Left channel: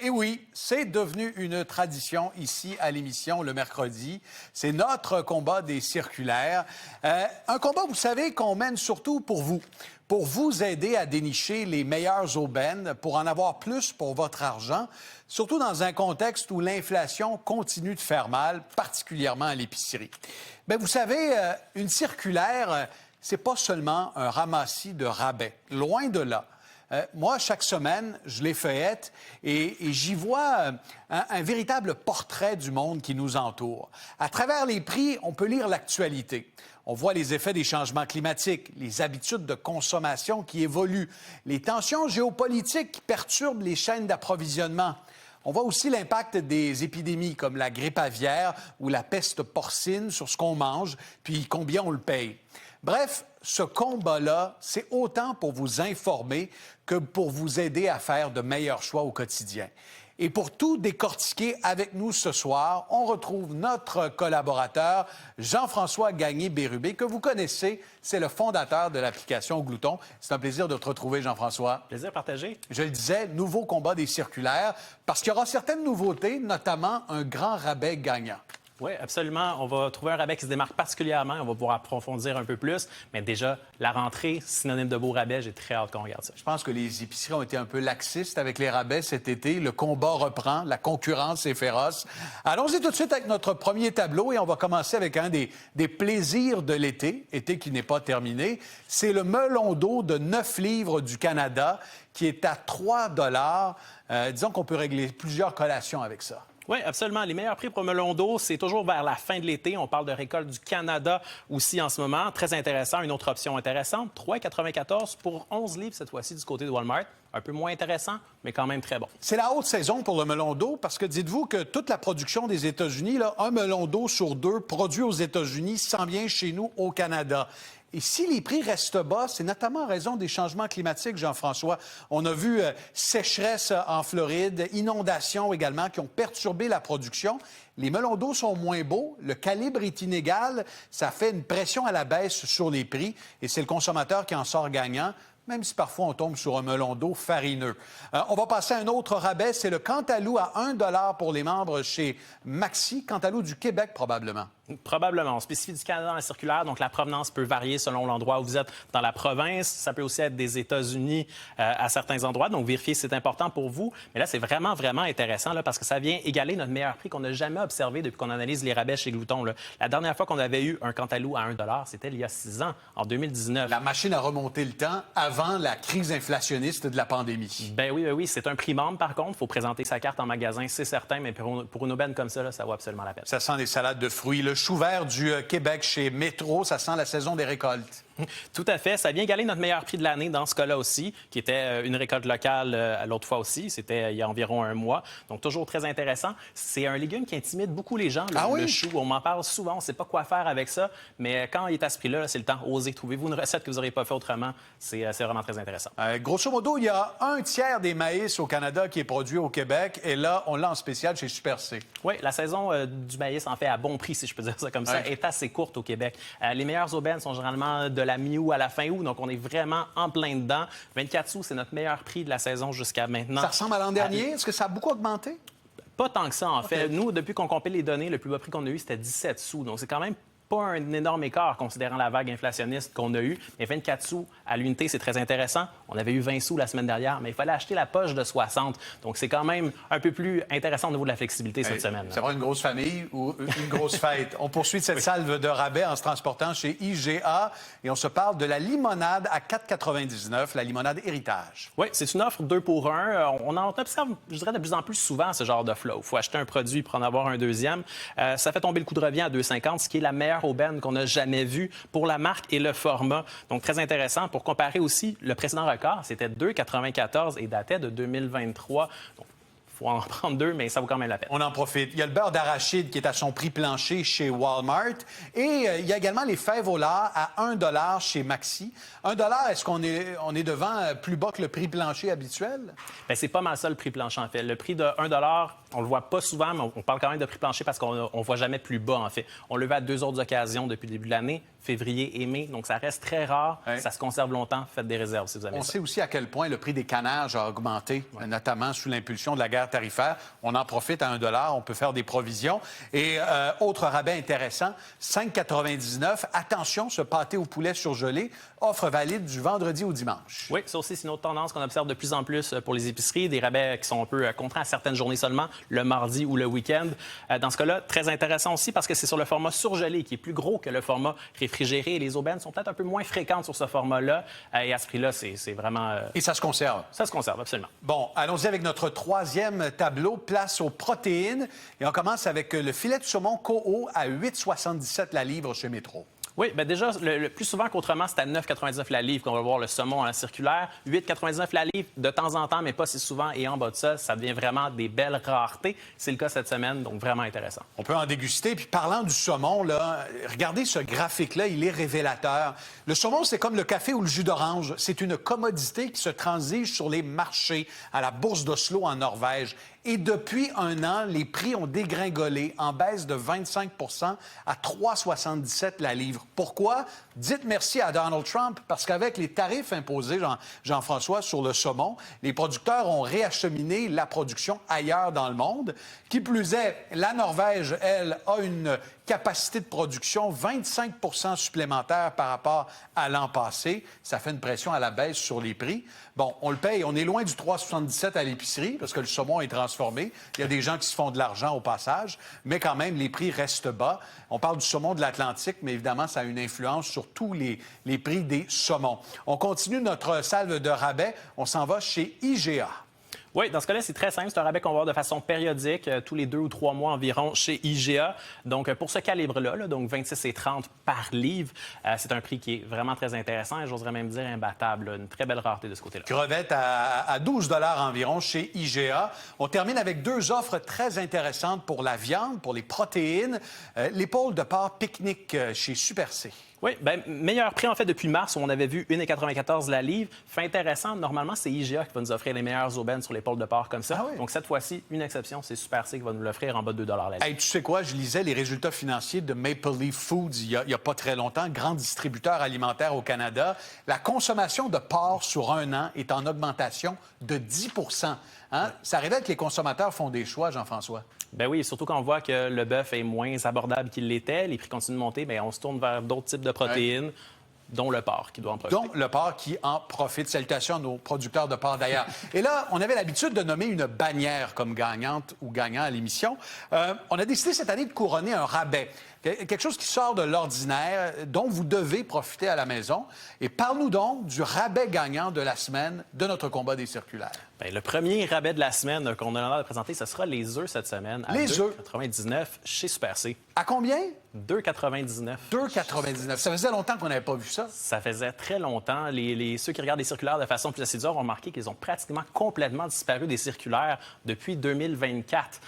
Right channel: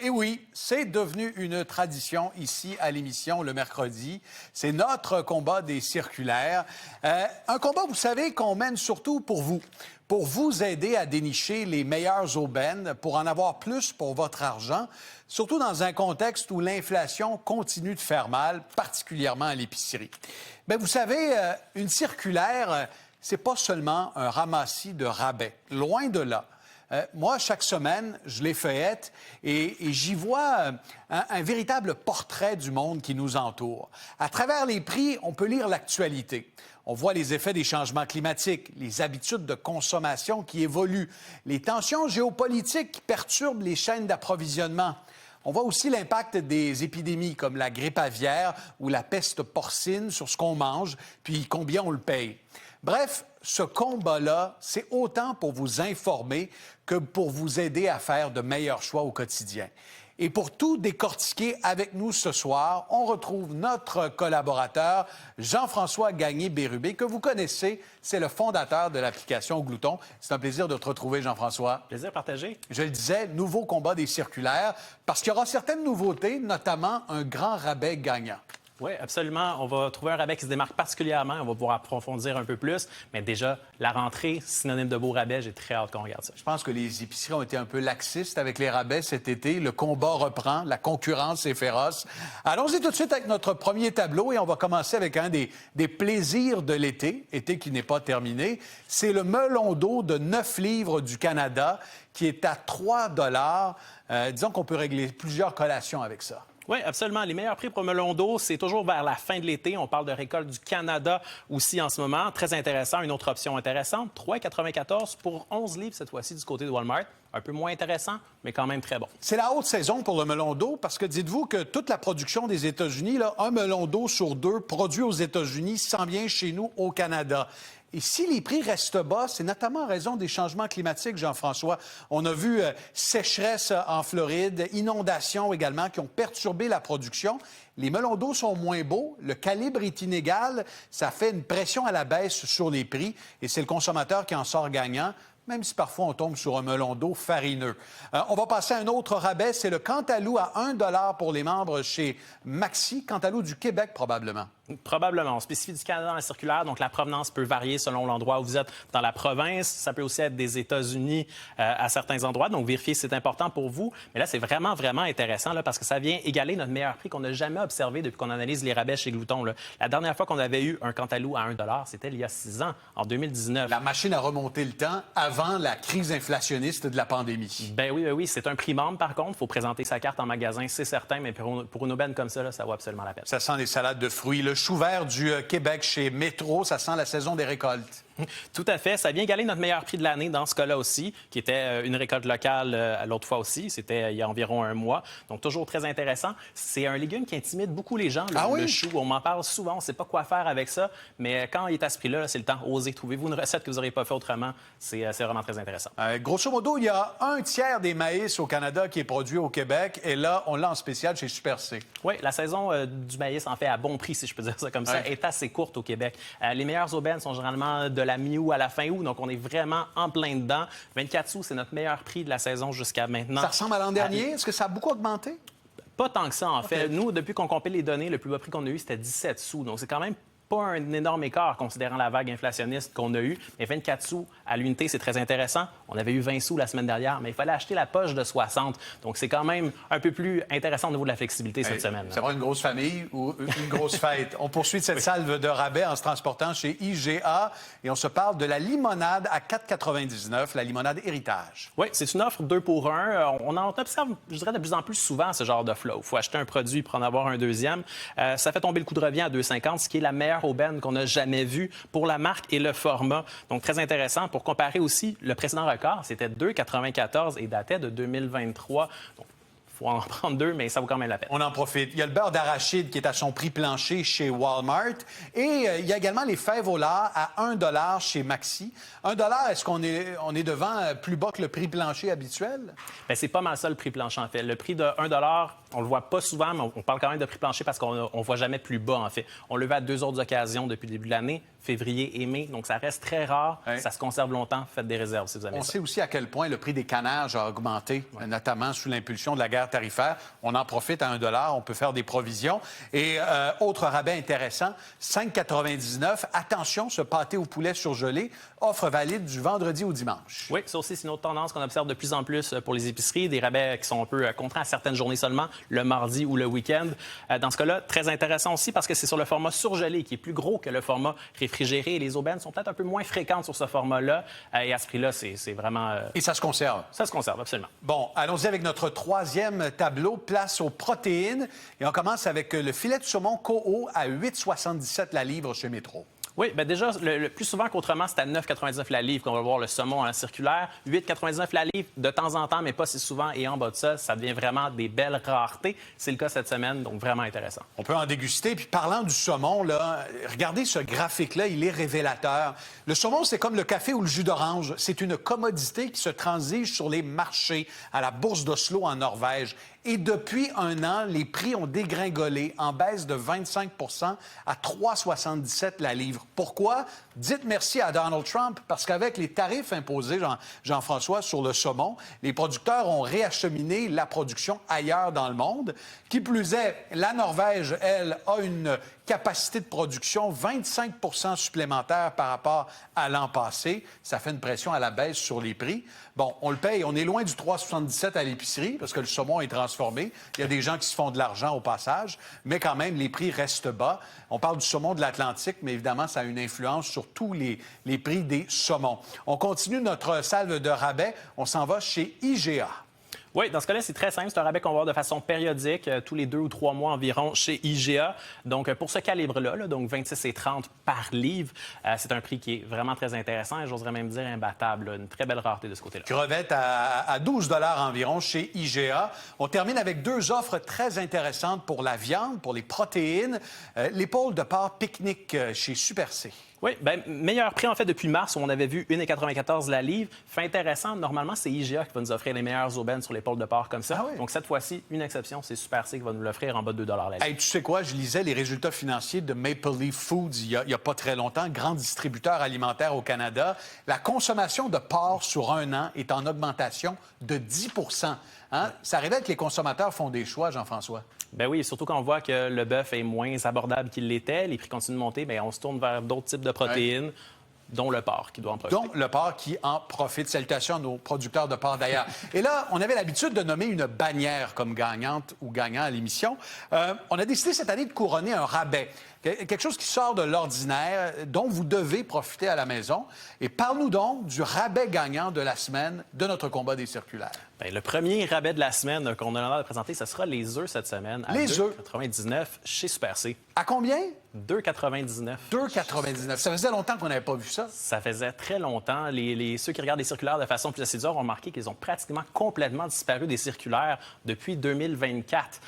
Et oui, c'est devenu une tradition ici à l'émission le mercredi. C'est notre combat des circulaires. Un combat, vous savez, qu'on mène surtout pour vous aider à dénicher les meilleures aubaines, pour en avoir plus pour votre argent, surtout dans un contexte où l'inflation continue de faire mal, particulièrement à l'épicerie. Bien, vous savez, une circulaire, c'est pas seulement un ramassis de rabais. Loin de là. Moi, chaque semaine, je les feuillette et j'y vois un véritable portrait du monde qui nous entoure. À travers les prix, on peut lire l'actualité. On voit les effets des changements climatiques, les habitudes de consommation qui évoluent, les tensions géopolitiques qui perturbent les chaînes d'approvisionnement. On voit aussi l'impact des épidémies comme la grippe aviaire ou la peste porcine sur ce qu'on mange, puis combien on le paye. Bref, ce combat-là, c'est autant pour vous informer que pour vous aider à faire de meilleurs choix au quotidien. Et pour tout décortiquer avec nous ce soir, on retrouve notre collaborateur Jean-François Gagné-Bérubé, que vous connaissez. C'est le fondateur de l'application Glouton. C'est un plaisir de te retrouver, Jean-François. Plaisir partagé. Je le disais, nouveau combat des circulaires, parce qu'il y aura certaines nouveautés, notamment un grand rabais gagnant. Oui, absolument. On va trouver un rabais qui se démarque particulièrement. On va pouvoir approfondir un peu plus. Mais déjà, la rentrée, synonyme de beau rabais, j'ai très hâte qu'on regarde ça. Je pense que les épiceries ont été un peu laxistes avec les rabais cet été. Le combat reprend. La concurrence est féroce. Allons-y tout de suite avec notre premier tableau et on va commencer avec un des plaisirs de l'été, été qui n'est pas terminé. C'est le melon d'eau de 9 livres du Canada qui est à 3 $. Disons qu'on peut régler plusieurs collations avec ça. Oui, absolument. Les meilleurs prix pour melon d'eau, c'est toujours vers la fin de l'été. On parle de récolte du Canada aussi en ce moment. Très intéressant. Une autre option intéressante, 3,94 pour 11 livres cette fois-ci du côté de Walmart. Un peu moins intéressant, mais quand même très bon. C'est la haute saison pour le melon d'eau parce que dites-vous que toute la production des États-Unis, là, un melon d'eau sur 2 produit aux États-Unis s'en vient chez nous au Canada. Et si les prix restent bas, c'est notamment en raison des changements climatiques, Jean-François. On a vu sécheresse en Floride, inondations également qui ont perturbé la production. Les melons d'eau sont moins beaux, le calibre est inégal, ça fait une pression à la baisse sur les prix et c'est le consommateur qui en sort gagnant, même si parfois on tombe sur un melon d'eau farineux. On va passer à un autre rabais, c'est le Cantalou à 1 $ pour les membres chez Maxi, Cantalou du Québec probablement. Probablement. On spécifie du Canada dans la circulaire, donc la provenance peut varier selon l'endroit où vous êtes dans la province. Ça peut aussi être des États-Unis à certains endroits, donc vérifiez si c'est important pour vous. Mais là, c'est vraiment, vraiment intéressant là, parce que ça vient égaler notre meilleur prix qu'on n'a jamais observé depuis qu'on analyse les rabais chez Glouton. Là. La dernière fois qu'on avait eu un Cantalou à 1 $, c'était il y a 6 ans, en 2019. La machine a remonté le temps avant la crise inflationniste de la pandémie. Ben oui, c'est un prix membre par contre. Il faut présenter sa carte en magasin, c'est certain, mais pour une aubaine comme ça, là, ça vaut absolument la peine. Ça sent les salades de fruits. Le chou vert du Québec chez Métro, ça sent la saison des récoltes. Tout à fait. Ça vient égaler notre meilleur prix de l'année dans ce cas-là aussi, qui était une récolte locale l'autre fois aussi. C'était il y a environ un mois. Donc, toujours très intéressant. C'est un légume qui intimide beaucoup les gens, le chou. On m'en parle souvent. On ne sait pas quoi faire avec ça. Mais quand il est à ce prix-là, c'est le temps. Osez. Trouvez-vous une recette que vous n'aurez pas fait autrement. C'est vraiment très intéressant. Grosso modo, il y a un tiers des maïs au Canada qui est produit au Québec. Et là, on l'a en spécial chez Super C. Oui, la saison du maïs en fait à bon prix, si je peux dire ça comme ça, est assez courte au Québec. Les meilleures aubaines sont généralement de la mi-août à la fin août, donc on est vraiment en plein dedans. 24 sous, c'est notre meilleur prix de la saison jusqu'à maintenant. Ça ressemble à l'an dernier? Est-ce que ça a beaucoup augmenté? Pas tant que ça, en fait. Nous, depuis qu'on compile les données, le plus bas prix qu'on a eu, c'était 17 sous. Donc, c'est quand même pas un énorme écart considérant la vague inflationniste qu'on a eue. Mais 24 sous à l'unité, c'est très intéressant. On avait eu 20 sous la semaine dernière, mais il fallait acheter la poche de 60. Donc, c'est quand même un peu plus intéressant au niveau de la flexibilité cette semaine. Ça va une grosse famille ou une grosse fête. On poursuit cette salve de rabais en se transportant chez IGA et on se parle de la limonade à 4,99, la limonade Héritage. Oui, c'est une offre 2 pour 1. On en observe, je dirais, de plus en plus souvent ce genre d'offre-là. Il faut acheter un produit pour en avoir un deuxième. Ça fait tomber le coût de revient à 2,50, ce qui est la meilleure aubaine qu'on n'a jamais vue pour la marque et le format. Donc, très intéressant. Pour comparer aussi, le précédent record, c'était 2,94 et datait de 2023. Donc, il faut en prendre 2, mais ça vaut quand même la peine. On en profite. Il y a le beurre d'arachide qui est à son prix plancher chez Walmart. Et il y a également les fèves au lard à 1 $ chez Maxi. 1 $, est-ce qu'on est devant plus bas que le prix plancher habituel? Bien, c'est pas mal ça, le prix plancher, en fait. Le prix de 1 $, on le voit pas souvent, mais on parle quand même de prix plancher parce qu'on voit jamais plus bas, en fait. On le voit à 2 autres occasions depuis le début de l'année, février et mai. Donc, ça reste très rare. Ouais. Ça se conserve longtemps. Faites des réserves, si vous avez On ça. sait aussi à quel point le prix des cannages a augmenté, notamment sous l'impulsion de la guerre barrière tarifaire. On en profite à 1 $. On peut faire des provisions. Et autre rabais intéressant, 5,99 $. Attention, ce pâté au poulet surgelé, offre valide du vendredi au dimanche. Oui, ça aussi, c'est une autre tendance qu'on observe de plus en plus pour les épiceries. Des rabais qui sont un peu contraints à certaines journées seulement, le mardi ou le week-end. Dans ce cas-là, très intéressant aussi parce que c'est sur le format surgelé qui est plus gros que le format réfrigéré. Et les aubaines sont peut-être un peu moins fréquentes sur ce format-là. Et à ce prix-là, c'est vraiment... Et ça se conserve? Ça se conserve, absolument. Bon, allons-y avec notre troisième tableau, place aux protéines. Et on commence avec le filet de saumon Coho à 8,77 la livre chez Métro. Oui, bien déjà, le plus souvent qu'autrement, c'est à 9,99 la livre qu'on va voir le saumon à la circulaire. 8,99 la livre de temps en temps, mais pas si souvent. Et en bas de ça, ça devient vraiment des belles raretés. C'est le cas cette semaine, donc vraiment intéressant. On peut en déguster. Puis parlant du saumon, là, regardez ce graphique-là, il est révélateur. Le saumon, c'est comme le café ou le jus d'orange. C'est une commodité qui se transige sur les marchés, à la bourse d'Oslo en Norvège. Et depuis 1 an, les prix ont dégringolé en baisse de 25 à 3,77 la livre. Pourquoi? Dites merci à Donald Trump, parce qu'avec les tarifs imposés, Jean-François, sur le saumon, les producteurs ont réacheminé la production ailleurs dans le monde. Qui plus est, la Norvège, elle, a une capacité de production 25 supplémentaire par rapport à l'an passé. Ça fait une pression à la baisse sur les prix. Bon, on le paye. On est loin du 3,77 à l'épicerie parce que le saumon est transformé. Il y a des gens qui se font de l'argent au passage, mais quand même, les prix restent bas. On parle du saumon de l'Atlantique, mais évidemment, ça a une influence sur tous les prix des saumons. On continue notre salve de rabais. On s'en va chez IGA. Oui, dans ce cas-là, c'est très simple. C'est un rabais qu'on va voir de façon périodique, tous les 2 ou 3 mois environ chez IGA. Donc, pour ce calibre-là, donc 26,30 par livre, c'est un prix qui est vraiment très intéressant et j'oserais même dire imbattable. Une très belle rareté de ce côté-là. Crevettes à 12 $ environ chez IGA. On termine avec 2 offres très intéressantes pour la viande, pour les protéines. L'épaule de porc pique-nique chez Super C. Oui, bien, meilleur prix en fait depuis mars où on avait vu 1,94 la livre. Fait intéressant, normalement, c'est IGA qui va nous offrir les meilleures aubaines sur l'épaule de porc comme ça. Ah oui? Donc cette fois-ci, une exception, c'est Super C qui va nous l'offrir en bas de 2 $ la livre. Hey, tu sais quoi, je lisais les résultats financiers de Maple Leaf Foods il y a pas très longtemps, grand distributeur alimentaire au Canada. La consommation de porc sur 1 an est en augmentation de 10 hein? Ça révèle que les consommateurs font des choix, Jean-François. Ben oui, surtout quand on voit que le bœuf est moins abordable qu'il l'était, les prix continuent de monter, bien, on se tourne vers d'autres types de protéines, dont le porc qui doit en profiter. Donc, le porc qui en profite. Salutations à nos producteurs de porc d'ailleurs. Et là, on avait l'habitude de nommer une bannière comme gagnante ou gagnant à l'émission. On a décidé cette année de couronner un rabais. Quelque chose qui sort de l'ordinaire, dont vous devez profiter à la maison. Et parle-nous donc du rabais gagnant de la semaine de notre combat des circulaires. Bien, le premier rabais de la semaine qu'on a l'honneur de présenter, ce sera les œufs cette semaine. À Les œufs? 2,99 chez Super C. À combien? 2,99. 2,99. Ça faisait longtemps qu'on n'avait pas vu ça. Ça faisait très longtemps. Ceux qui regardent les circulaires de façon plus assidue ont remarqué qu'ils ont pratiquement complètement disparu des circulaires depuis 2024.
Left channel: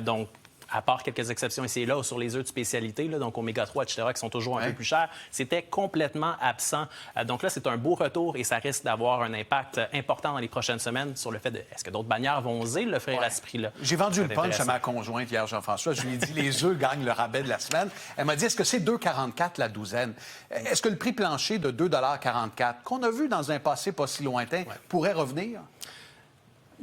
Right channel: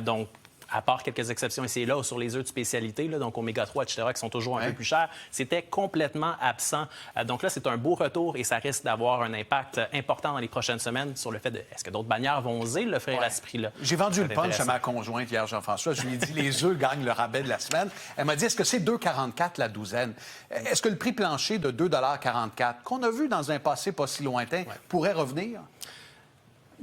Donc, à part quelques exceptions ici et là sur les œufs de spécialité, là, donc oméga 3, etc., qui sont toujours un peu plus chers, c'était complètement absent. Donc là, c'est un beau retour et ça risque d'avoir un impact important dans les prochaines semaines sur le fait de est-ce que d'autres bannières vont oser l'offrir à ce prix-là? J'ai vendu le punch à ma conjointe hier, Jean-François. Je lui ai dit les œufs gagnent le rabais de la semaine. Elle m'a dit est-ce que c'est 2,44 la douzaine? Est-ce que le prix plancher de 2,44 qu'on a vu dans un passé pas si lointain pourrait revenir?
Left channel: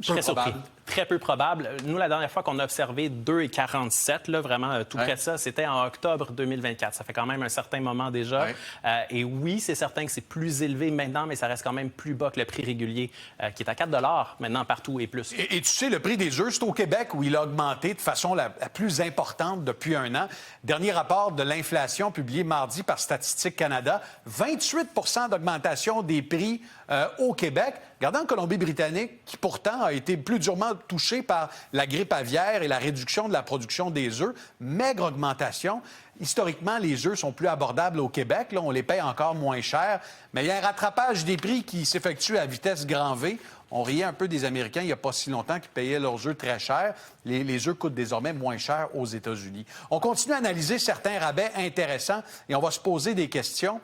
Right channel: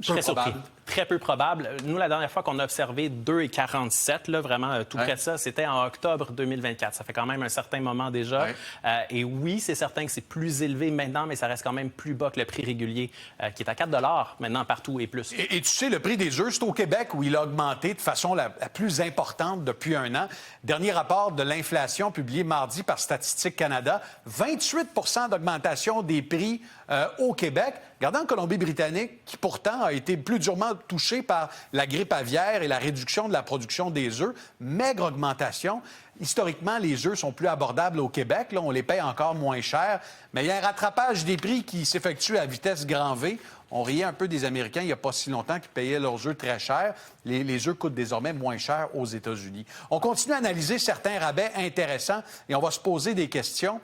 Je serais surpris. Très peu probable. Nous, la dernière fois qu'on a observé 2,47, là, vraiment tout près de ça, c'était en octobre 2024. Ça fait quand même un certain moment déjà. Et oui, c'est certain que c'est plus élevé maintenant, mais ça reste quand même plus bas que le prix régulier, qui est à 4 $ maintenant partout et plus. Et tu sais, le prix des œufs, c'est au Québec où il a augmenté de façon la plus importante depuis 1 an. Dernier rapport de l'inflation publié mardi par Statistique Canada, 28 d'augmentation des prix au Québec. Regardons en Colombie-Britannique, qui pourtant a été plus durement touchée par la grippe aviaire et la réduction de la production des œufs. Maigre augmentation. Historiquement, les œufs sont plus abordables au Québec. Là, on les paye encore moins cher. Mais il y a un rattrapage des prix qui s'effectue à vitesse grand V. On riait un peu des Américains il n'y a pas si longtemps qui payaient leurs œufs très cher. Les œufs coûtent désormais moins cher aux États-Unis. On continue à analyser certains rabais intéressants et on va se poser des questions.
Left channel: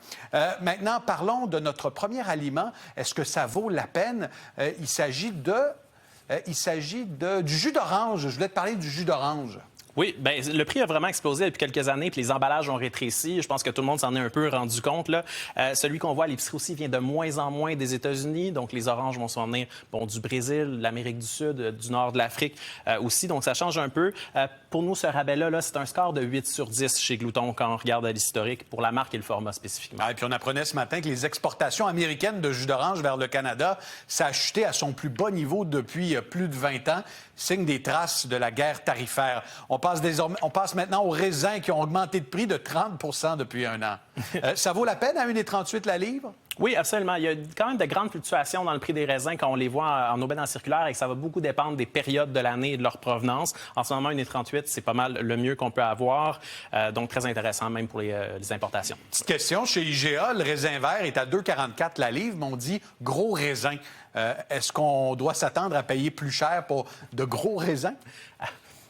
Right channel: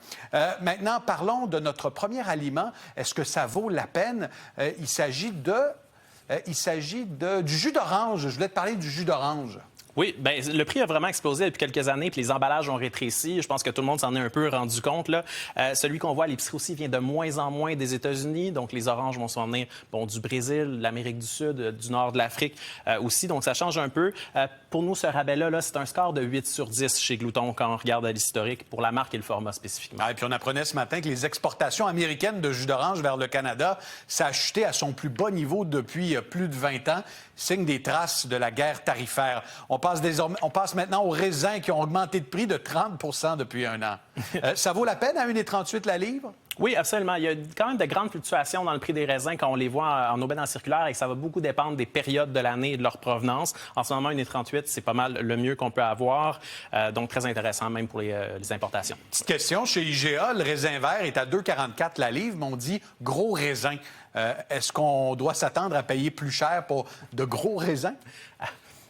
Maintenant, parlons de notre premier aliment. Est-ce que ça vaut la peine? Il s'agit du jus d'orange. Je voulais te parler du jus d'orange. Oui, bien, le prix a vraiment explosé depuis quelques années, puis les emballages ont rétréci. Je pense que tout le monde s'en est un peu rendu compte, là. Celui qu'on voit à l'épicerie aussi vient de moins en moins des États-Unis. Donc, les oranges vont s'en venir du Brésil, de l'Amérique du Sud, du nord de l'Afrique aussi. Donc, ça change un peu. Pour nous, ce rabais-là, là, c'est un score de 8 sur 10 chez Glouton quand on regarde à l'historique pour la marque et le format spécifiquement. Et puis on apprenait ce matin que les exportations américaines de jus d'orange vers le Canada, ça a chuté à son plus bas niveau depuis plus de 20 ans, signe des traces de la guerre tarifaire. On passe maintenant aux raisins qui ont augmenté de prix de 30 depuis un an. Ça vaut la peine à 1,38 la livre? Oui, absolument. Il y a quand même de grandes fluctuations dans le prix des raisins quand on les voit en aubaine en circulaire et que ça va beaucoup dépendre des périodes de l'année et de leur provenance. En ce moment, 1,38, c'est pas mal le mieux qu'on peut avoir. Donc, très intéressant même pour les importations. Petite question, chez IGA, le raisin vert est à 2,44 la livre, mais on dit gros raisin. Est-ce qu'on doit s'attendre à payer plus cher pour de gros raisins?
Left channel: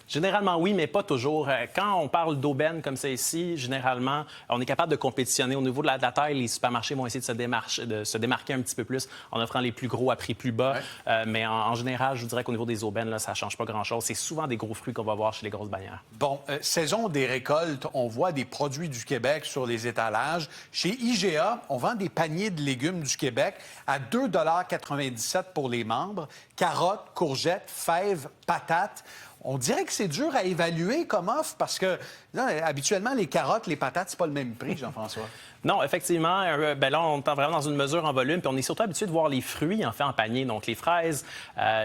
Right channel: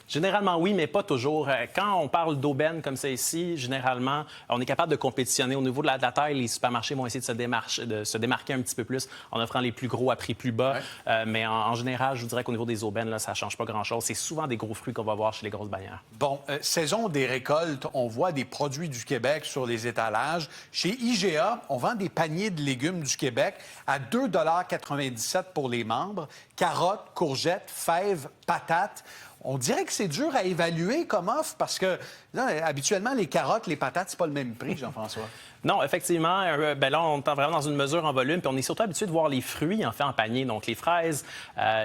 Généralement, oui, mais pas toujours. Quand on parle d'aubaine comme ça ici, généralement, on est capable de compétitionner. Au niveau de la taille, les supermarchés vont essayer de se démarquer un petit peu plus en offrant les plus gros à prix plus bas. Ouais. Mais en général, je vous dirais qu'au niveau des aubaines, là, ça ne change pas grand-chose. C'est souvent des gros fruits qu'on va voir chez les grosses bannières. Bon, saison des récoltes, on voit des produits du Québec sur les étalages. Chez IGA, on vend des paniers de légumes du Québec à 2,97 $ pour les membres. Carottes, courgettes, fèves, patates. On dirait que c'est dur à évaluer comme offre parce que là, habituellement, les carottes, les patates, c'est pas le même prix, Jean-François. Non, effectivement. Là, on est vraiment dans une mesure en volume, puis on est surtout habitué de voir les fruits en panier. Donc, les fraises,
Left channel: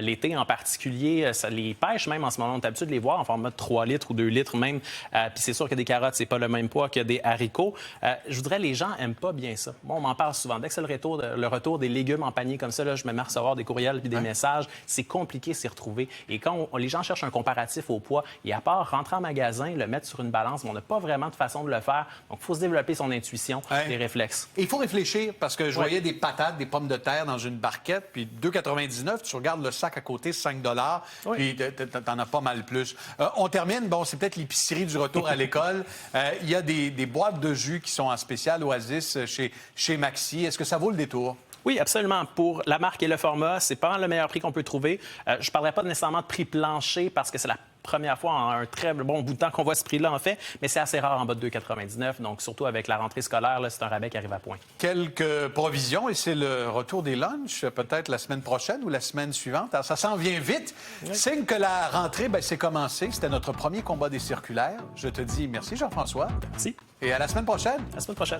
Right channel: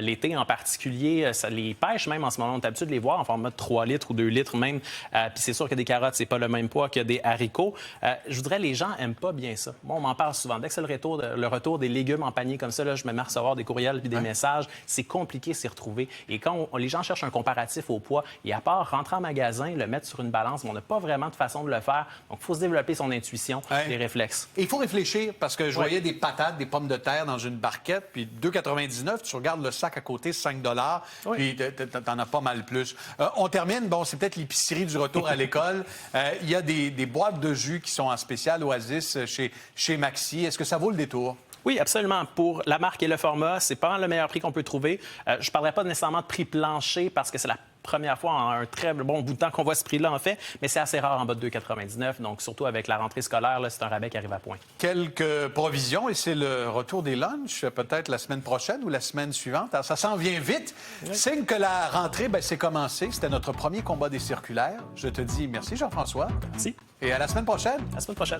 l'été en particulier, les pêches même en ce moment, on est habitué de les voir en format de 3 litres ou 2 litres même. Puis c'est sûr que des carottes, c'est pas le même poids que des haricots. Je voudrais, les gens aiment pas bien ça. Moi, on m'en parle souvent. Dès que c'est le retour des légumes en panier comme ça, là, je me mets à recevoir des courriels puis des messages. C'est compliqué de s'y retrouver. Et quand les gens cherchent un comparatif au poids, et à part rentrer en magasin, le mettre sur une balance, on n'a pas vraiment de façon de le faire. Donc, il faut se développer son intuition. Des réflexes. Et il faut réfléchir parce que je voyais des patates, des pommes de terre dans une barquette, puis 2,99 $, tu regardes le sac à côté, 5 $, puis t'en as pas mal plus. On termine, c'est peut-être l'épicerie du retour à l'école. Il y a des boîtes de jus qui sont en spécial Oasis chez Maxi. Est-ce que ça vaut le détour? Oui, absolument. Pour la marque et le format, c'est pas le meilleur prix qu'on peut trouver. Je ne parlerai pas nécessairement de prix plancher parce que c'est la première fois en un très bon bout de temps qu'on voit ce prix-là, en fait, mais c'est assez rare en bas de 2,99 $. Donc, surtout avec la rentrée scolaire, là, c'est un rabais qui arrive à point. Quelques provisions et c'est le retour des lunchs, peut-être la semaine prochaine ou la semaine suivante. Alors, ça s'en vient vite. Oui. Signe que la rentrée, c'est commencé. C'était notre premier combat des circulaires. Je te dis merci, Jean-François. Merci. Et à la semaine prochaine. À la semaine prochaine.